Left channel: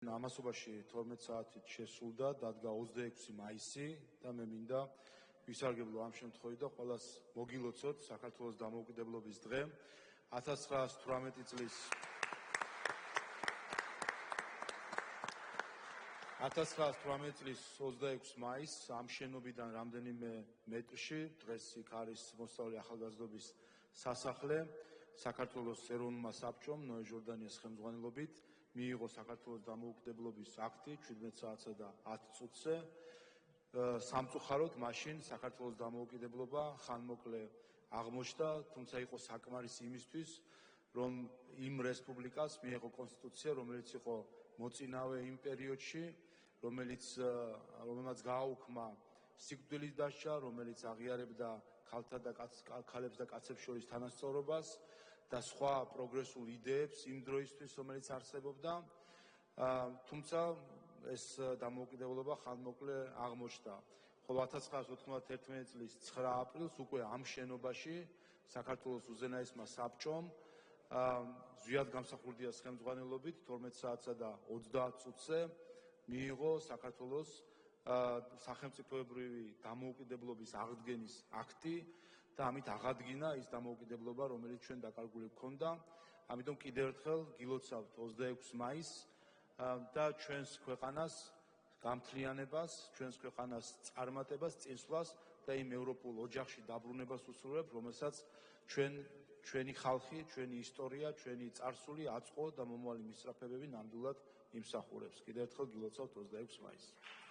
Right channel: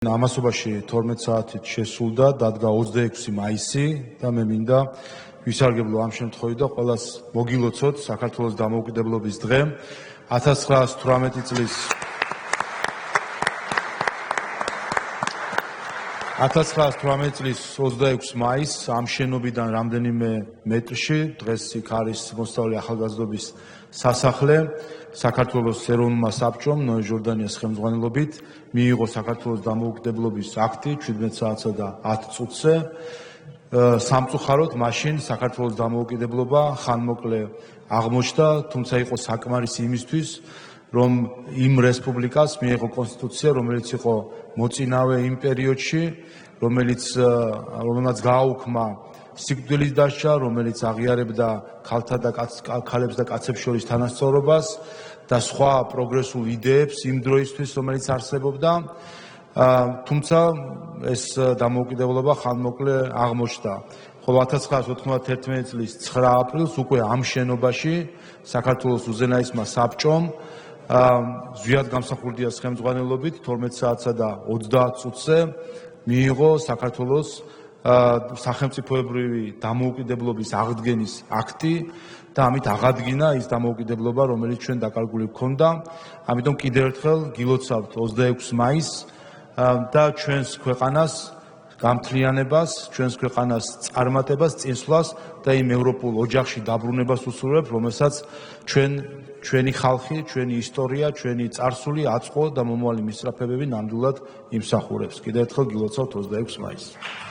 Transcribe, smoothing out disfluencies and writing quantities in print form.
ამასობაში 12 საათით შესულდა, დადგა 26 მაისი და მე მინდა ვისარგებლო ამ შემთხვევით და ყველას მოგილოცოთ საქართველოს დამოუკიდებლობის დღე 1918 წლის 26 მაისს ამ შენობიდან რამდენიმე მეტრში დღეს იქ არის მოსწავლე ახალგაზრდობის სასახლე საქართველოს ეროვნულმა საბჭომ ნოე ჟორდანიას ხელმძღვანელობით მიიღო საქართველოს დამოუკიდებლობის აქტი 17 საათსა და 10 წუთზე სამწუხაროდ მაშინ საქართველოს დამოუკიდებლობა ხანმოკლე აღმოჩნდა, თუმცა იყო საკმარისი იმისთვის, რომ იმ რესპუბლიკას მიიღო კონსტიტუცია, რომელიც იყო მოწინავე იმ პერიოდში, რომელმაც გააუქმა სიკვდილის დასჯა, რომელიც აღიარებდა ქალებს და კაცებს შორის თანასწორობას და სხვა პროგრესულ იდეებს იმ დროისთვის, რომელიც არსებობდა, თუმცა ეს დამოუკიდებლობა ხანმოკლე აღმოჩნდა. ხოლო 1991 წლის 9 აპრილს უკვე ამ შენობაში საქართველოს უზენაესმა საბჭომ ზვიად გამსახურდიას ხელმძღვანელობით 12 საათსა და 30 წუთზე მიიღო საქართველოს სახელმწიფოებრივი დამოუკიდებლობის აღდგენის აქტი და ამით აღადგინა ის დამოუკიდებლობა, რომელიც ჩვენ დაკარგული გვქონდა. ამიტომ კიდევ ერთხელ გილოცავთ 26 მაისს და ჩვენს ქვეყანას გამთლიანებას, ჩვენს ქვეყანას წარმატებას, წინსვლას და იმ ევროპულ ოჯახში დაბრუნებას უსურვებ, რომელსაც ჩვენი ხალხი, ჩვენი ისტორია, ჩვენი წარსული, აწყვო და მომავალი მისწრაფებები ნამდვილად იმსახურებს. კიდევ ერთხელ გილოცავთ 26 მაისს.